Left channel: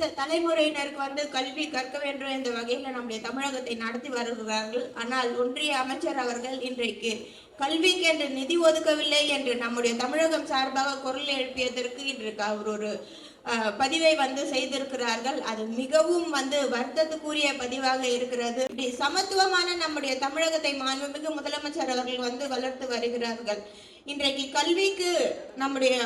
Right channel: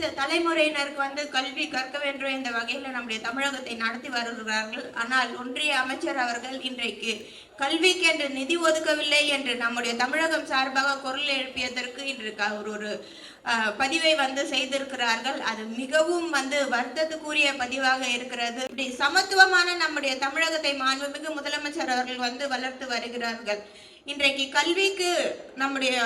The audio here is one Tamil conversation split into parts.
அடுத்த தலைமுறையினருக்கு வந்து கல்வி கற்க வேண்டும் என்ற வகையில் நம்முடைய தமிழகத்தை நடத்தி வருகிறார்கள். ஆனால் ஒன்றிய அமைச்சர் அவர்கள் இன்றைக்கு கல்விக்கு என்று நிதி ஒதுக்கவில்லை என்று நம்முடைய தமிழகம் சார்பாக குரல் எழுப்பியதற்கு இன்று அவர் ஒரு பதிவை வந்து செய்திருக்கிறார்கள். அது மிகவும் வந்து வருத்தத்துக்குரிய பதிவாக இருக்கிறது. இப்படி சமத்துவமான நம்முடைய தமிழகத்தை மாண்புமிகு முதலமைச்சர் அவர்கள் வந்து வளர்த்து வருகிறார்கள். இன்றைக்கு கல்விக்கு நம்முடைய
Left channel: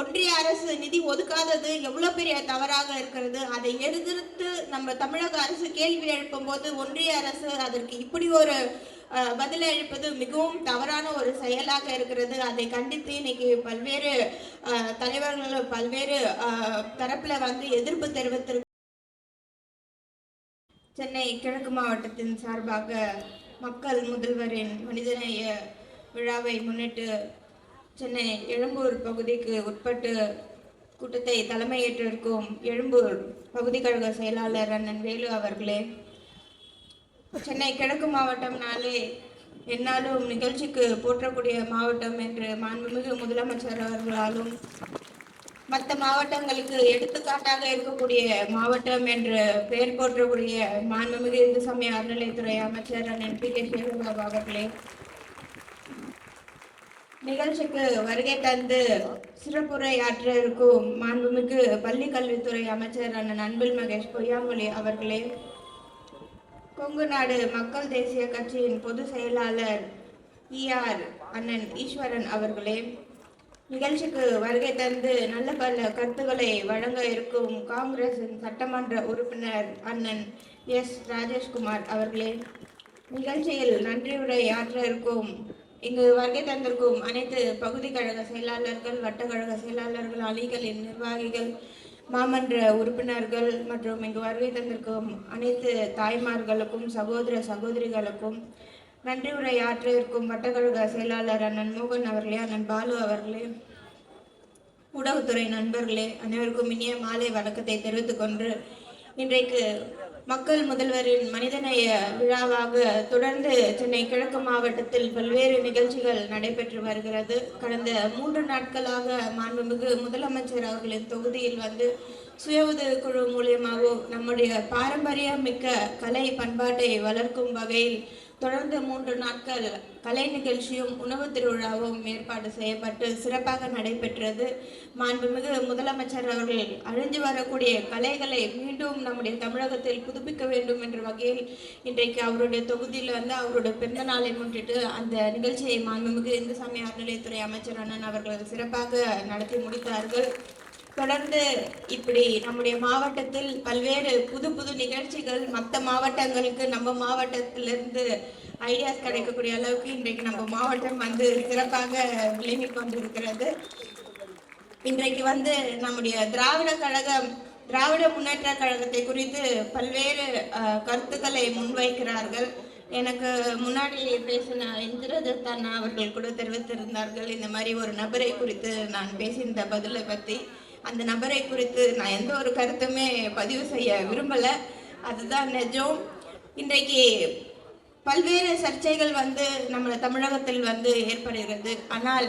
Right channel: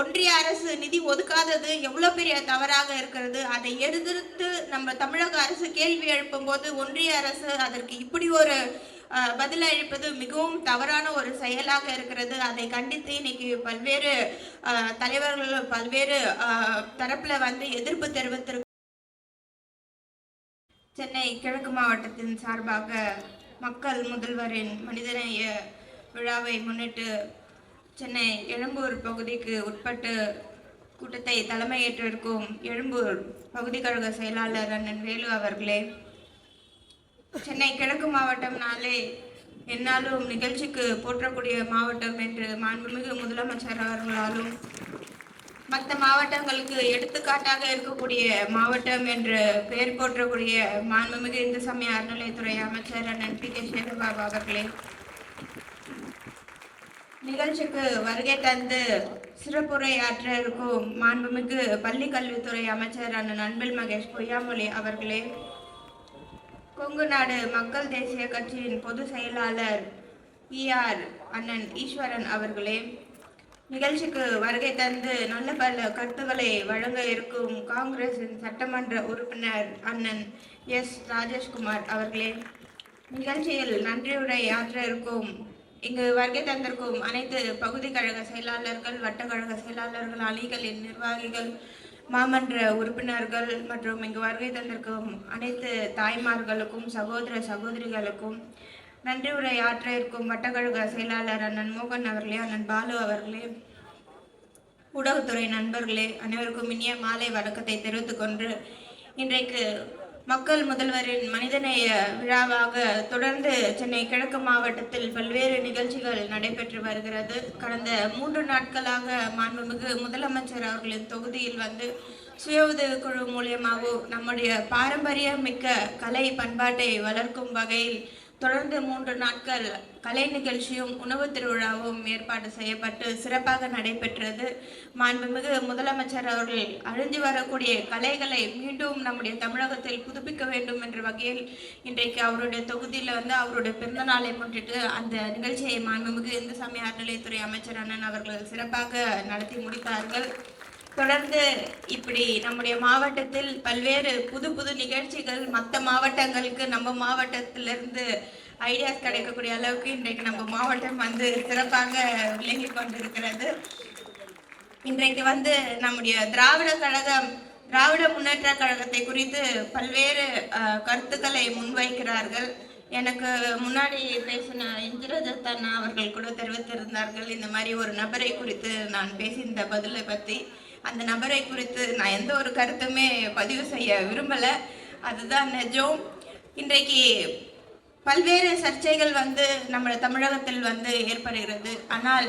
ஒன்றிய அரசு நிதி ஒதுக்காதது எவ்வளவு பெரிய தவறாக இருக்கிறது? அதை எதிர்த்து நம்ம தமிழக அரசு கேள்வி எழுப்பும் போது ஒன்றிய அரசு அதற்கு இப்படி ஒரு பதில் அளிப்பது மிகவும் தவறான ஒரு செயலாக இருக்கிறது. அதை கண்டித்து இன்னைக்கு பல்வேறு தலைவர்கள் பல்வேறு தரப்புல வந்து எதிர்ப்பு தெரிவித்திருக்க சென்னை கிழக்கு மாவட்டத்தின் சார்பாக மக்கள் முதல்வரின் மனிதநேய விழாவை முன்னிட்டு சென்னை எழும்பூர் பகுதிக்கு உட்பட்டு கூட்டத்தை தலைமையேற்றிருக்கும் எழும்பூர் பகுதி கழக செயலாளர் அண்ணன் வேலு அவர்களே சென்னை கிழக்கு மாவட்டம்னாலே என்னாலும் நிகழ்ச்சிக்கு போற்றக்கூடிய மாவட்டம் என்று மாண்புமிகு முதலமைச்சர் அவர்களாலும் மற்ற மாவட்டங்களுக்கு எடுத்துக்காட்டாக இருக்கக்கூடிய மாவட்டம் என்று பெயர் போற்றக்கூடிய மாண்புமிகு இந்து சமய அறநிலைத்துறை அமைச்சர் அண்ணன் பி கே சேகர்பாபு அவர்களே நிகழ்ச்சிக்கு வருகை தந்து சிறப்புரையாற்ற இருக்கும் மாண்புமிகு பள்ளி கல்வித்துறை அமைச்சர் அண்ணன் அன்பில் மகேஷ் பொய்யாமொழி அவர்களே. கொங்கு நாடு மக்கள் தேசிய கட்சியின் பொதுச் செயலாளர் இஆர் அண்ணன் ஈஸ்வரன் அவர்களே. நிகழ்ச்சிக்கு வருகை தந்து நல்ல பல கருத்துக்களை வழங்க இருக்கும் காங்கிரசின் சட்டமன்ற உறுப்பினர் அண்ணன் எஸ் ராஜேஷ்குமார் அவர்களே. நிகழ்ச்சியில் நன்றியுரை ஆற்ற இருக்கும் இங்கு வருகை தந்திருக்கும் அனைத்து பகுதி கழக செயலாளர்கள் வட்டக்கழக செயலாளர்கள் அணிகளின் நிர்வாகிகள் மாமன்ற உறுப்பினர்கள் மற்றும் இங்கு வருகை தந்திருக்கும் அனைத்து தாய்மார்களுக்கும் சகோதர சகோதரிகளுக்கும் நன்றி உரை ஆற்ற இருக்கும் வட்டக்கழக செயலாளர் அண்ணன் மோகன் அவர்களே அண்ணன் பாலு அவர்களே ஊடகத்துறை நண்பர்களே அனைவருக்கும் இனிய மாலை வணக்கத்தை தெரிவித்துக் கொண்டு இன்றைக்கு மக்கள் முதல்வரின் மனிதநேய விழாவாக தொடர்ந்து சென்னை கிழக்கு மாவட்டத்தில் பல்வேறு நிகழ்ச்சிகள் நடைபெற்று வருகிறது. கடந்த மூன்று நாட்களாக மாண்புமிகு முதலமைச்சர் அவர்களின் தொகுதியில் வந்து சுய உதவி குழு மூலியமாகவும் நம்முடைய பாரம்பரியமிக்க கலை பண்பாட்டை வளர்க்கும் வகையில் தொடர்ந்து மூன்று நாட்கள் கலை நிகழ்ச்சியும் உணவு திருவிழாவும் ஏற்பாடு செய்யப்பட்டு சிறப்பாக நடைபெற்றது. மாண்புமிகு முதலமைச்சர் அவர்கள் அழிஞ்சு வரக்கூடிய கலைகளை மீண்டும் நம்முடைய தமிழகத்தில் புதுப்பிக்க வேண்டும் என்ற வகையில் இன்றைக்கு அவருடைய தொகுதியில் வந்து அவருடைய பிறந்த நாளை முன்னிட்டு அந்த நிகழ்ச்சியை மாண்புமிகு இந்து சமய அறநிலையத்துறை அமைச்சர் அண்ணன் அவர்கள் சிறப்பாக நடத்தி முடித்தார்கள். தொடர்ந்து இப்படி நம்முடைய மாவட்டத்தில் பல்வேறு புது புது நிகழ்ச்சிகள் மற்ற மாவட்டங்களுக்கு நம்ம மாவட்டத்திலிருந்து ஐடியாஸ் கிடைக்கக்கூடிய அளவுக்கு இன்றைக்கு நம்ம மாவட்டம் வந்து சிறப்பாக விளங்கி கொண்டிருக்கிறது. இன்றைக்கு வந்து நம்முடைய திராவிட கழகம் திராவிட முன்னேற்ற கழகத்தை குறித்து பல்வேறு கருத்துக்களை முன்வைக்கிறார்கள். எனக்கு முன்னாடி பேசின இந்திரதத் அண்ணா அவர்கள் கூட தெரிவித்திருந்தார்கள். இந்த மாதிரி ஒரு நபரை குறித்து நான் பேசியிருந்த பதிலை பற்றி அந்த நபரை குறித்து நான் எந்த ஒரு கருத்துமே பதிவு செய்ய விரும்பலை. அதுதான் நிஜம். இன்றைக்கு பல்வேறு சர்ச்சைகள் வந்து நம்ம தமிழகத்தில் வந்து ஏற்படுகிறது. ஆனால்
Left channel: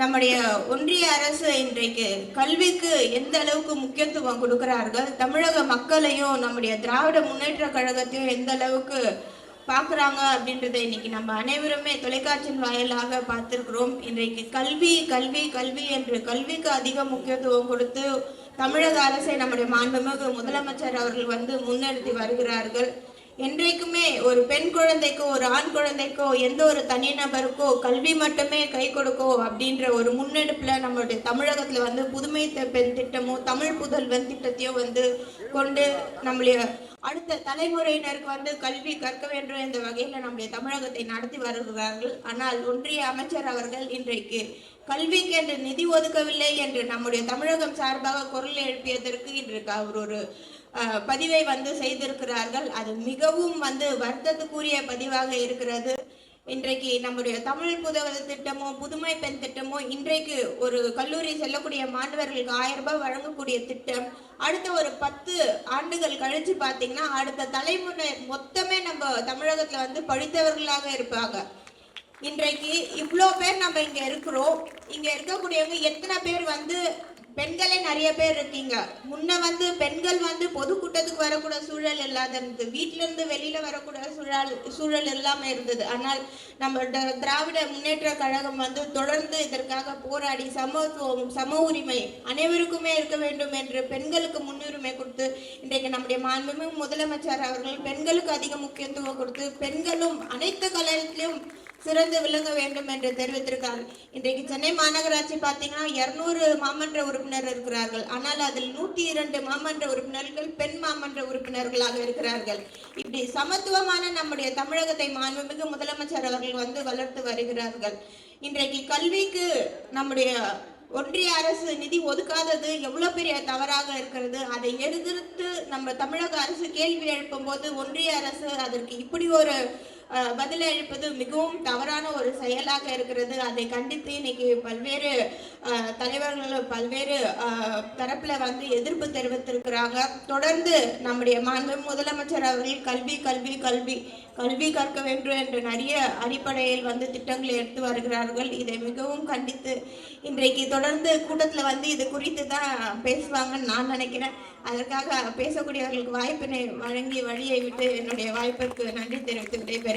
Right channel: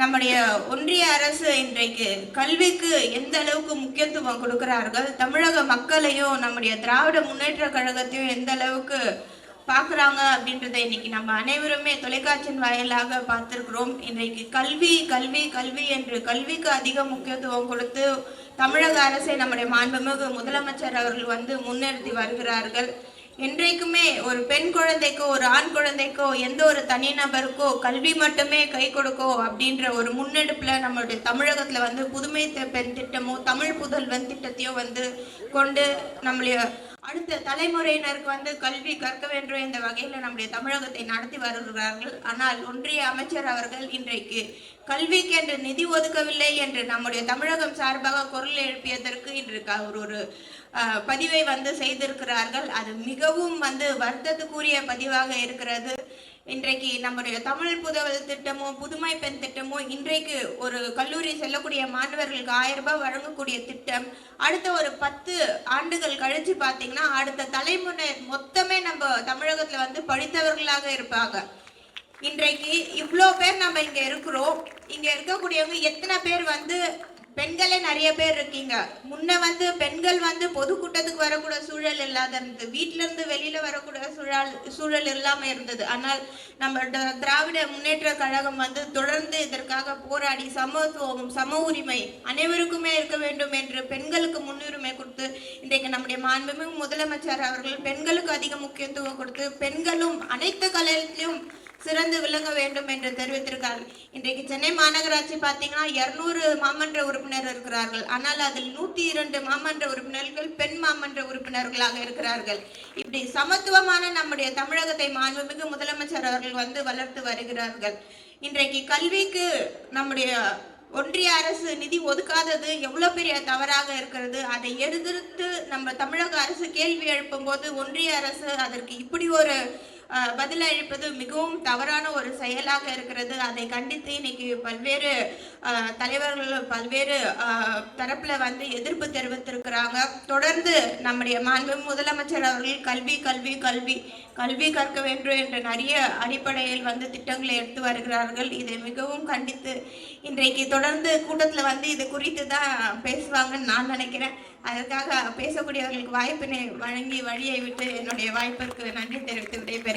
நம்முடைய ஒன்றிய அரசு இன்றைக்கு கல்விக்கு எந்த அளவுக்கு முக்கியத்துவம் கொடுக்கிறார்கள் தமிழக மக்களையும் நம்முடைய திராவிட முன்னேற்ற கழகத்தையும் எந்த அளவுக்கு பார்க்குறாங்க அப்படின்றத இன்னைக்கு நம்ம அனைவருமே தொலைக்காட்சியின் வாயிலாக பார்த்துருக்குறோம். இன்றைக்கு கல்வி கல்வி கல்வி என்று கல்விக்கு அதிக முக்கியத்துவம் கொடுத்து தமிழக அரசை நம்முடைய மாண்புமிகு முதலமைச்சர் அவர்கள் வந்து முன்னிறுத்தி வருகிறார்கள். என்றைக்குமே ஒரு பெண் குழந்தைக்கோ ஒரு ஆண் குழந்தைக்கோ எந்த ஒரு தனிநபருக்கோ கல்வி மட்டுமே கை கொடுக்கோ அப்படின்ற ஒரு முன்னெடுப்பில் நம்மளுடைய தமிழகத்தில் வந்து புதுமை பெண் திட்டமோ தமிழ் புதல்வன் திட்டத்தையோ வந்து கொண்டு நம்மளுடைய அடுத்த தலைமுறையினருக்கு வந்து கல்வி கற்க வேண்டும் என்ற வகையில் நம்முடைய தமிழகத்தை நடத்தி வருகிறார்கள். ஆனால் ஒன்றிய அமைச்சர் அவர்கள் இன்றைக்கு கல்விக்கு என்று நிதி ஒதுக்கவில்லை என்று நம்முடைய தமிழகம் சார்பாக குரல் எழுப்பியதற்கு இன்று அவர் ஒரு பதிவை வந்து செய்திருக்கிறார்கள். அது மிகவும் வந்து வருத்தத்துக்குரிய பதிவாக இருக்கிறது. இன்றைக்கு நம்முடைய தமிழ் புதவல் திட்டமோ புதுமை பெண் திட்டமோ இன்றைக்கு ஒரு கல்லூரி செல்லக்கூடிய மாணவர்களுக்கு ஆயிரம் ரூபாய் வழங்கக்கூடிய திட்டம். அடுத்த ஒரு பத்து ஆண்டுகள் கழிச்சு பார்த்தீங்கன்னா அடுத்த தலைமுறை மொத்தமே நம்ம தமிழகத்தில் வந்து படித்தவர்களாக இருப்பாங்க. இன்றைக்கு இவ்வளோ பேர் நம்ம இங்கே இருக்கிறோம். இங்கே இருக்கக்கூடியவங்க எத்தனை பேர் வந்து பெண்களே நிறைய பேர் இருக்கீங்க. முன்ன வந்து பெண்கள் வந்து பொதுக்கூட்டத்துக்கு வரக்கூட சூழல் இல்லாத இருந்தது. வீட்ல இருந்து வெளியில வரக்கூட சூழல் சூழல் இல்லாம இருந்தது. ஆனால் நம்ம திராவிட முன்னேற்ற கழகம் வந்து தொடர்ந்து இதற்காக போராடி சமத்துவம் சம உரிமை அனைவருக்குமே இருக்க வேண்டும் என்று பெண்களுக்கு முன்னுரிமை கொடுத்து இன்றைக்கு நம்முடைய மாண்புமிகு முதலமைச்சர் அவர்கள் பெண்களுக்கு அதிக முக்கியத்துவம் கொடுத்து பெண்களும் அனைத்து கலையிலும் சிறந்து விளங்க வேண்டும் என்று தெரிவித்திருக்காங்க இன்றைக்கு சென்னை மாநகராட்சி பார்த்தீங்கன்னா இருநூறு மாமன்ற உறுப்பினர் இருக்கிறார்கள். ஆனால் அதில் நூற்றி இரண்டு மாமன்ற உறுப்பினர்கள் பெண் மாமன்ற உறுப்பினர்களாக இருக்கிறார்கள். இப்படி சமத்துவமான நம்முடைய தமிழகத்தை மாண்புமிகு முதலமைச்சர் அவர்கள் வந்து வளர்த்து வருகிறார்கள். இன்றைக்கு கல்விக்கு நம்முடைய ஒன்றிய அரசு நிதி ஒதுக்காதது எவ்வளோ பெரிய தவறாக இருக்கிறது? அதை எதிர்த்து நம்ம தமிழக அரசு கேள்வி எழுப்பும் போது ஒன்றிய அரசு அதற்கு இப்படி ஒரு பதிலளிப்பது மிகவும் தவறான ஒரு செயலாக இருக்கிறது. அதை கண்டித்து இன்னைக்கு பல்வேறு தலைவர்கள் பல்வேறு தரப்பில் தரப்புல வந்து எதிர்ப்பு தெரிவித்திருக்கிறாங்க. தொடர்ந்து நம்முடைய மாண்பு முதலமைச்சர் அவர்கள் கல்வி கல்வி கல்வி கல்வி கற்க வேண்டும் என்ற நிறைய அடிப்படையில் வந்து திட்டங்களை எடுத்து வருகிறார்கள். இதை மிகவும் கண்டித்து இன்றைக்கு தொடர்ந்து கூட்டத்தில் வந்து இது குறித்து தான் பேசுவாங்கன்னு நான் நினைக்கிறேன். அதற்காக பேசக்கூடியவர்களுக்கு வாய்ப்பினை வழங்கி வழியை விட்டு என்னுடைய வாய்ப்பிற்கு நன்றி தெரிவித்து